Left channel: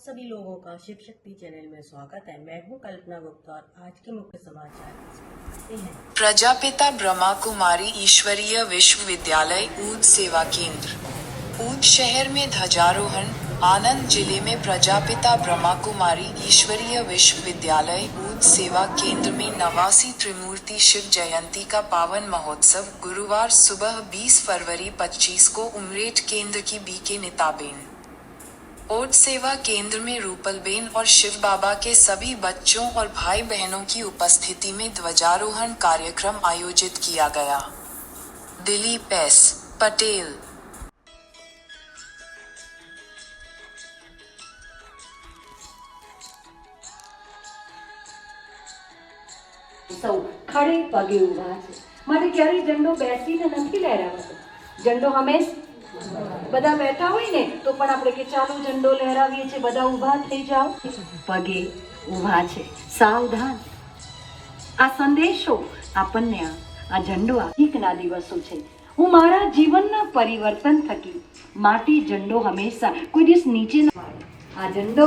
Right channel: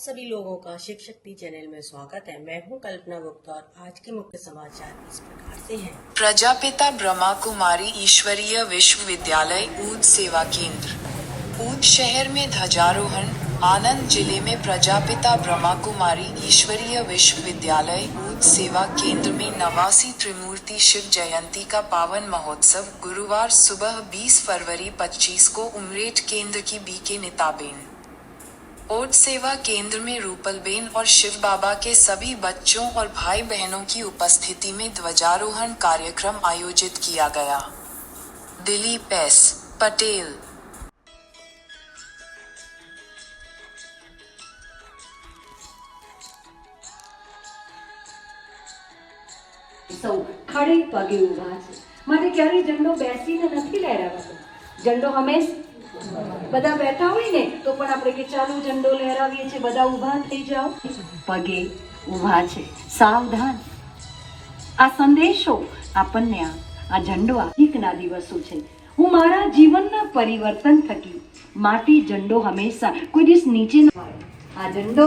सभी लोगों का शिव शक्ति चैनल में स्वागत है। मैं हूं कल्पना गुप्ता और आज के मुख्य समाचार इस प्रकार से हैं। प्रजापिता ब्रह्मा कुमारी ईश्वरीय विश्वविद्यालय ऊद सेवा केंद्र ऊद शहर में ध्वजारोहण। आनंद जिले में प्रजापिता ब्रह्मा कुमारी ईश्वरीय विश्वविद्यालय ऊद सेवा केंद्र में 89 त्रिमूर्ति शिव जयंती का पावन महोत्सव गुरुवार सुबह 20 फरवरी 25 को उमरेठ केंद्र की बीके नीताबेन ऊद सेवा केंद्र में रूपलबेन और शिव बाबा के सभी बच्चों और भाई बहनों की उपस्थिति में ध्वजारोहण कार्यक्रम आयोजित किया गया। दिलीप एस पटेल। સૌ ખડે પગે ઊભા છે માટે ક્યારેય ઝંડો બેસીને નથી લહેરાવતો। ઝંડો હંમેશ બધા બેઠા હોય ને તો પણ આપણે કે ચાલો ઝંડો લહેરાવીએ છીએ, બધા ઊભા થઈ જાઓ, પગે ઊભા છે, સાવધાન। આ સંદેશો આપણને આ ઝંડો આધિકના દિવસો છે। હું મારા જીવનના પરિવર્તન થકી માટે ઝંડો હંમેશા કોઈ દિવસ નીચે ન આવે। આ ઝંડો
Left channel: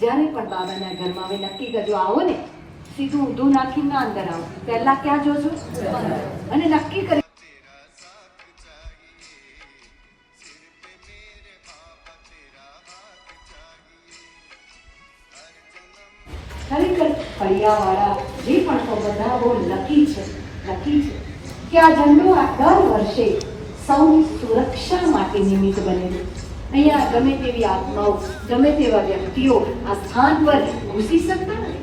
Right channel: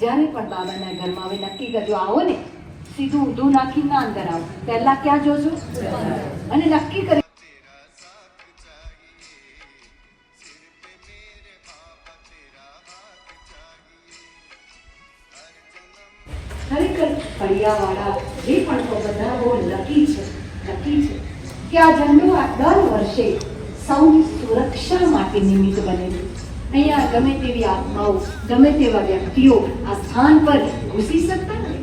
જ્યારે પણ બાબાના ઘરમાં હવે નક્કી કરજો, આવો ને सीधू ऊंधू नाखी ना अंदर आओ, पहला क्या जोजो अने नक्की करे खरेखर फळियावाळा जे पण तो બધા બહુ લકી છે કે આ ઝંડો આ દર વર્ષે સૌની સુરક્ષા માટે નિમિત્ત બને છે। અહીંયા ગમે તેવી આત્માઓ, ગમે તેવા વ્યક્તિઓ આ સ્થાન પર ઘૂસી શકતા નથી।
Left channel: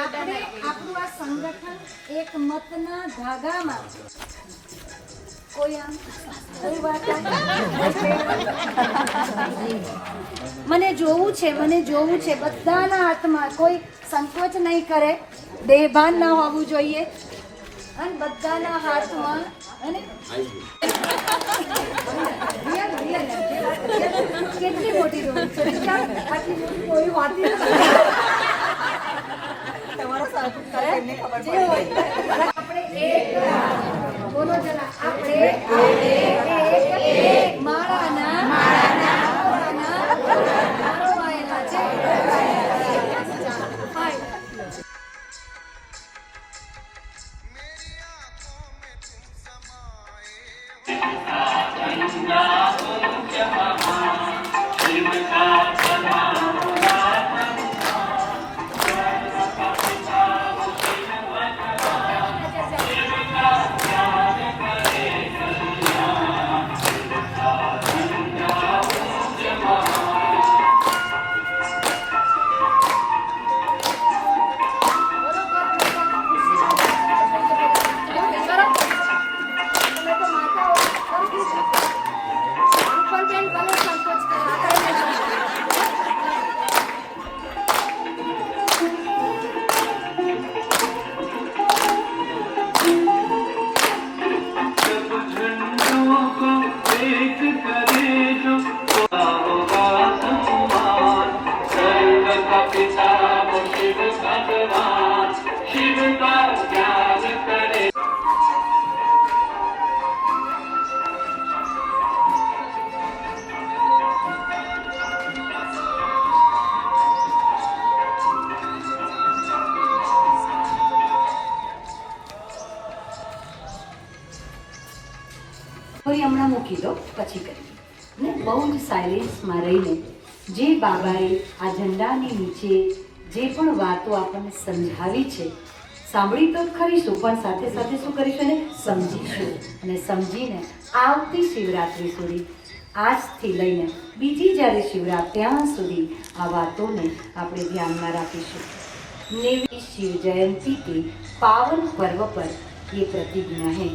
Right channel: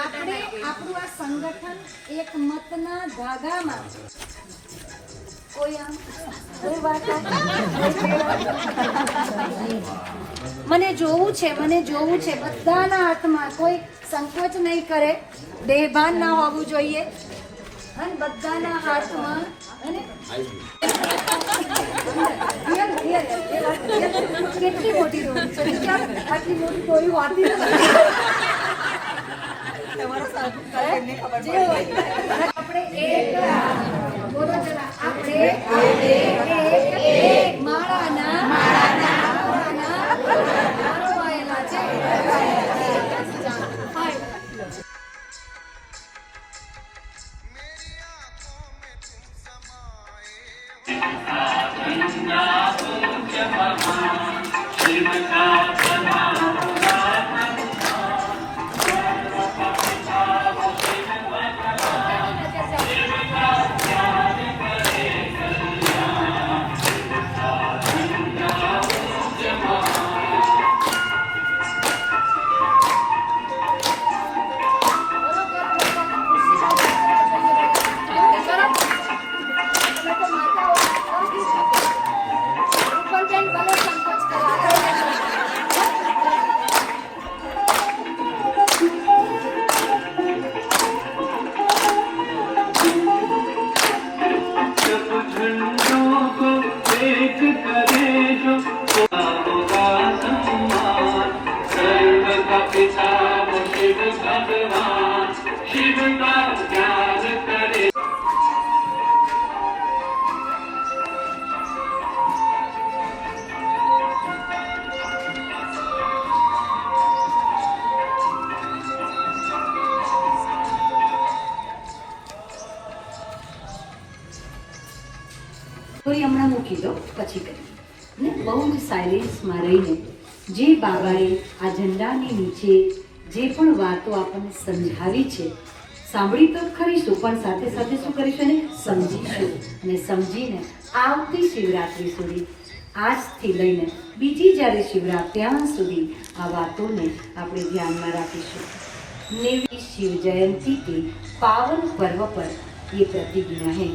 આપણે આપણું આ સંગઠન એક મતના ધાગામાં મને જોવું છે બધાના હાથમાં, કોઈ સંકોચ નહીં કરે, બેભાન ના હોવું જોઈએ અને બધાના હાથમાં અને કેટલી મોટી રોડ છે, આટલી મોટી કોઈ વાત નથી। જે હોય આપણે એક બોલો જરા, આપણે એક માળાના રોવાયેલા છે। કોઈ હમણાં મૂકી દો, પછી કરીએ। બહુ સાયલેન્સમાં રહીને જે બાબાએ આ ઝંડાની નીચે જે પણ વાતો આપણને સમજાવી છે, સાંભળી તો ખરીશું પણ સાથે સાથે શું કરીશું ને સમજીશું, અને સમજીને આવતી શિવરાત્રિ સુધી, આજથી લઈને બીજી જ્યારે શિવરાત્રી ત્યાં સુધી આ વાતોને આપણે ધ્યાનમાં રાખીશું। 90 शिव जयंती के पावन पर्व पर ये प्रतिज्ञा है।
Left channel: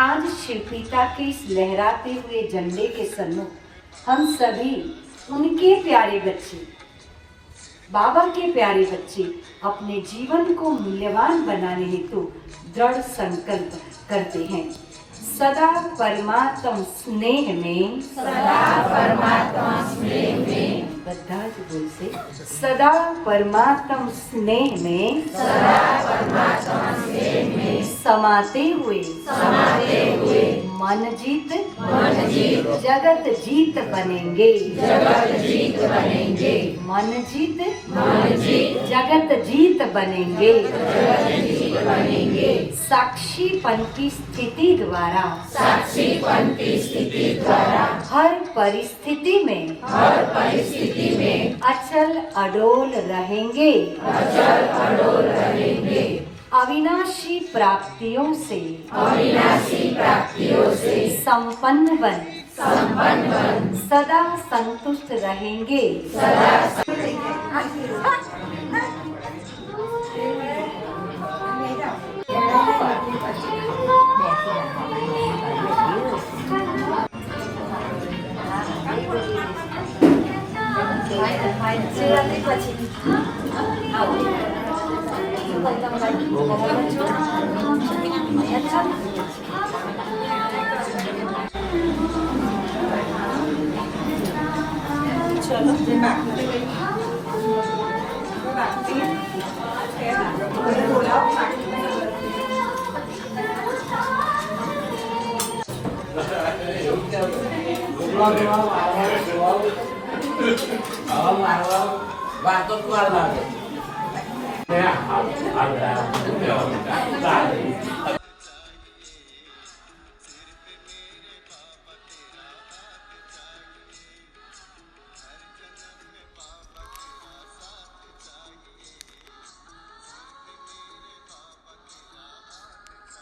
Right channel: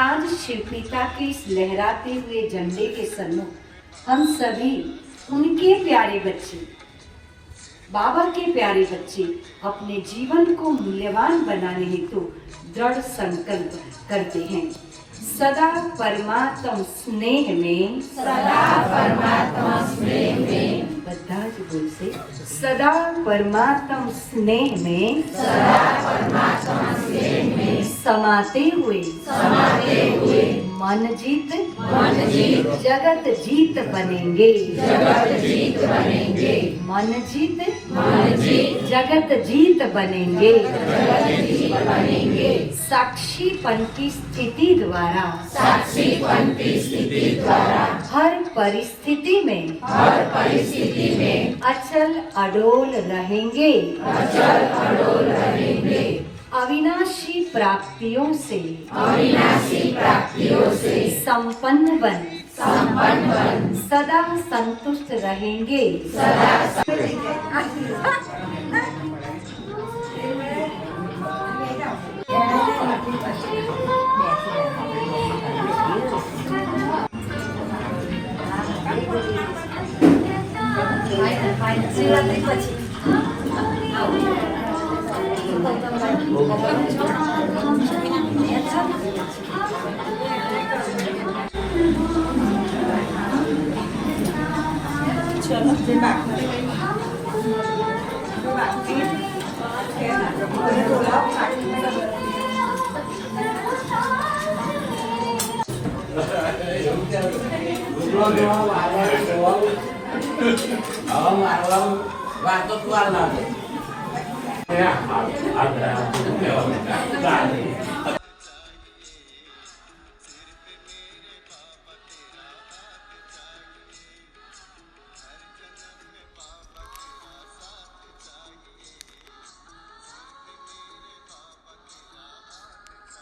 आज शिव पिता के इस लहराते हुए झंडे के सम्मुख हम सभी उनके प्यारे बच्चे, बाबा के प्यारे बच्चे अपने जीवन को मूल्यवान बनाने हेतु दृढ़ संकल्प करते हैं। सदा परमात्मा स्नेह में બધા જ બોલશે સદા પરમાત્મ સ્નેહ में समाते हुए मन जीत जगत जीत बनेंगे मन जीत जगत जीत बनेंगे साक्षीपन की स्थिति द्वारा हर परिस्थिति में अचल अडोल रहेंगे अविनाशी प्राप्तियों से संपन्न बन सदा संतुष्ट रहेंगे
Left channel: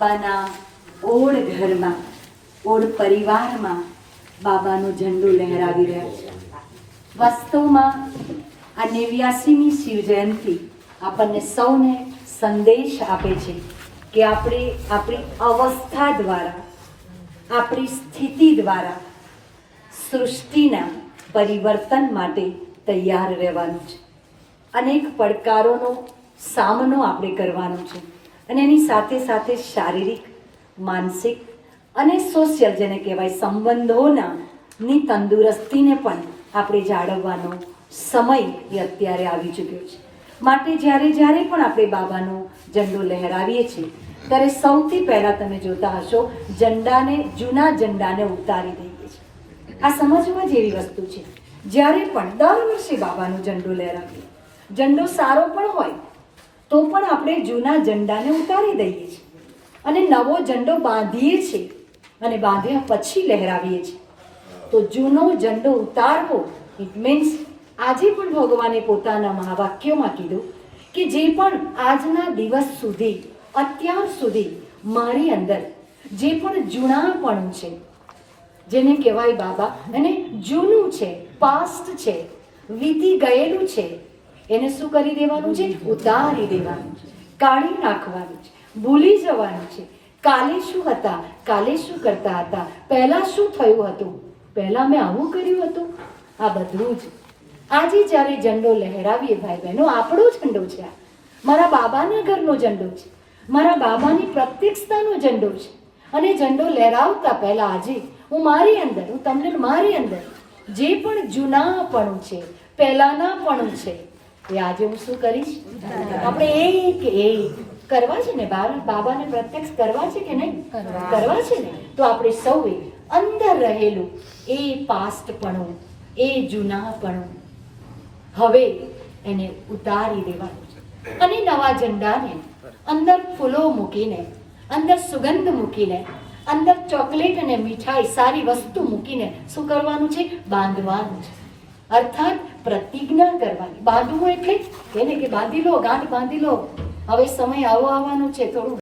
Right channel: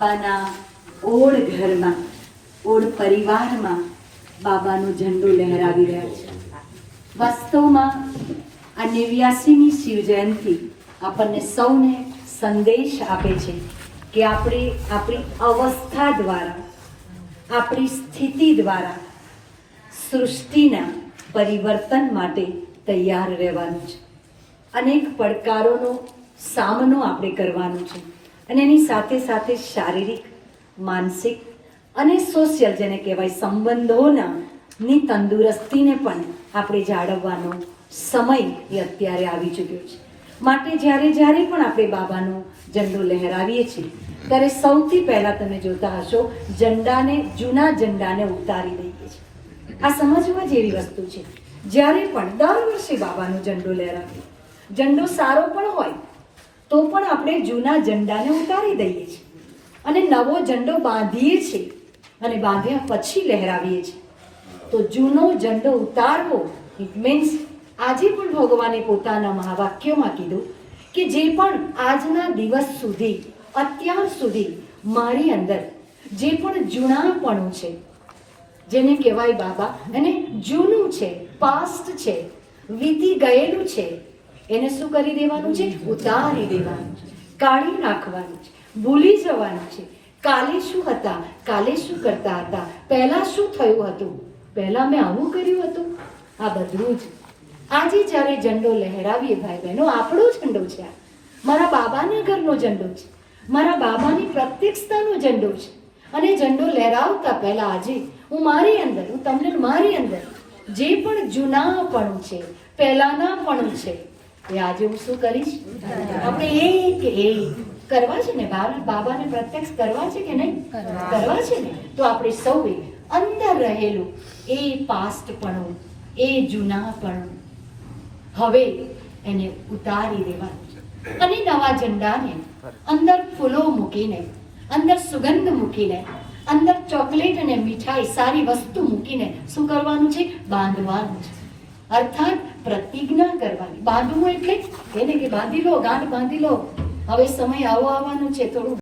બાબાના ઓળ ઘરમાં ઓળ પરિવારમાં બાબાનો ઝંડો લહેરાવી રહ્યા છે. વાસ્તવમાં આ 89મી શિવ જયંતિ આપણને સૌને સંદેશ આપે છે કે આપણે આપણી અવસ્થા દ્વારા આપણી સ્થિતિ દ્વારા સૃષ્ટિના પરિવર્તન માટે તૈયાર રહેવાનું છે. અનેક પડકારોનો સામનો આપણે કરવાનો છે અને એની સાથે સાથે શારીરિક માનસિક અને સોશિયલ જેને કહેવાય સંબંધોની તંદુરસ્તીને પણ આપણે જાળવવાનો સમય એ અત્યારે આવી ચૂક્યો છે. માટે જ્યારે જ્યારે પણ આપણે બાબાનો ઝંડો લહેરાવીએ છીએ ત્યારે સૌથી પહેલા તમે જોતા હશો જૂના ઝંડાને ઉતારી દઈએ છીએ. આ સમજવા જેવી વસ્તુ છે. જ્યારે પણ દર વર્ષે બાબાનો ઝંડો લહેરાવીએ, ઝંડો સારો પણ હોય તો પણ આપણે જૂના ઝંડાને ઉતારી દઈએ છીએ અને નવો ઝંડો બાંધીએ છીએ અને બાંધ્યા પછી લહેરાવીએ છીએ. તો જૂનો ઝંડો ઉતારવો ઇટ મીન્સ આજે પણ ભગવાને પોતાના મહાવાક્યોમાં કીધું કે જે પણ આજના દિવસ સુધી અત્યાર સુધી મારી અંદર જે પણ જૂનાપણું છે જેને કહેવાય બાબા અને જૂનું છે, પાસ્ટ છે, વીતી ગયેલું છે, એને શું કરી દેવાનું છે? ઉતારી દેવાનું છે, કાઢી નાખવાનું છે, ભૂલી જવાનું છે. કાલે શું હતા, કાલે શું કરતા હતા, પહેલા શું થયું હતું, પહેલા મેં આવું કર્યું હતું, આ બધું જ આજે જ્યારે ઝંડો લહેરાવીએ ભાઈ બહેનો, આપણો ઝંડો છે, આ મારા બાબાના ઘરનો ઝંડો છે, મારા બાબાની પ્રત્યક્ષતાનો ઝંડો છે. અને ઝંડો લહેરાવતા પહેલા આજે હું મારી અંદર, હું તમને મારી અંદર જે પણ જૂનાપણું છે, પહેલાનાપણું છે, એ આજે હું શું કરીશ? આપણે એક કરવા છે ને, બાબાને પ્રત્યક્ષ કરવા છે કે નહીં? કરવા છે ને. તો આપણે સૌએ અંદર રહેલું એ પાસ્ટપણું, એ જૂનાપણું હવે એને ઉતારી દેવાનું છે અને નવા ઝંડાને અંદર ફૂલો મૂકીને, અંદર સુગંધ મૂકીને, અંદર ચોકલેટ અને મીઠાઈ સારી વસ્તુ મૂકીને શું કરવાનું છે? બાંધવાનું છે. અર્થાત પ્રતિજ્ઞા કરવાની. બાંધવું એટલે એને કે બાંધી લો, ગાંઠ બાંધી લો, હવે સમય આવો આવવાનો છે, થોડું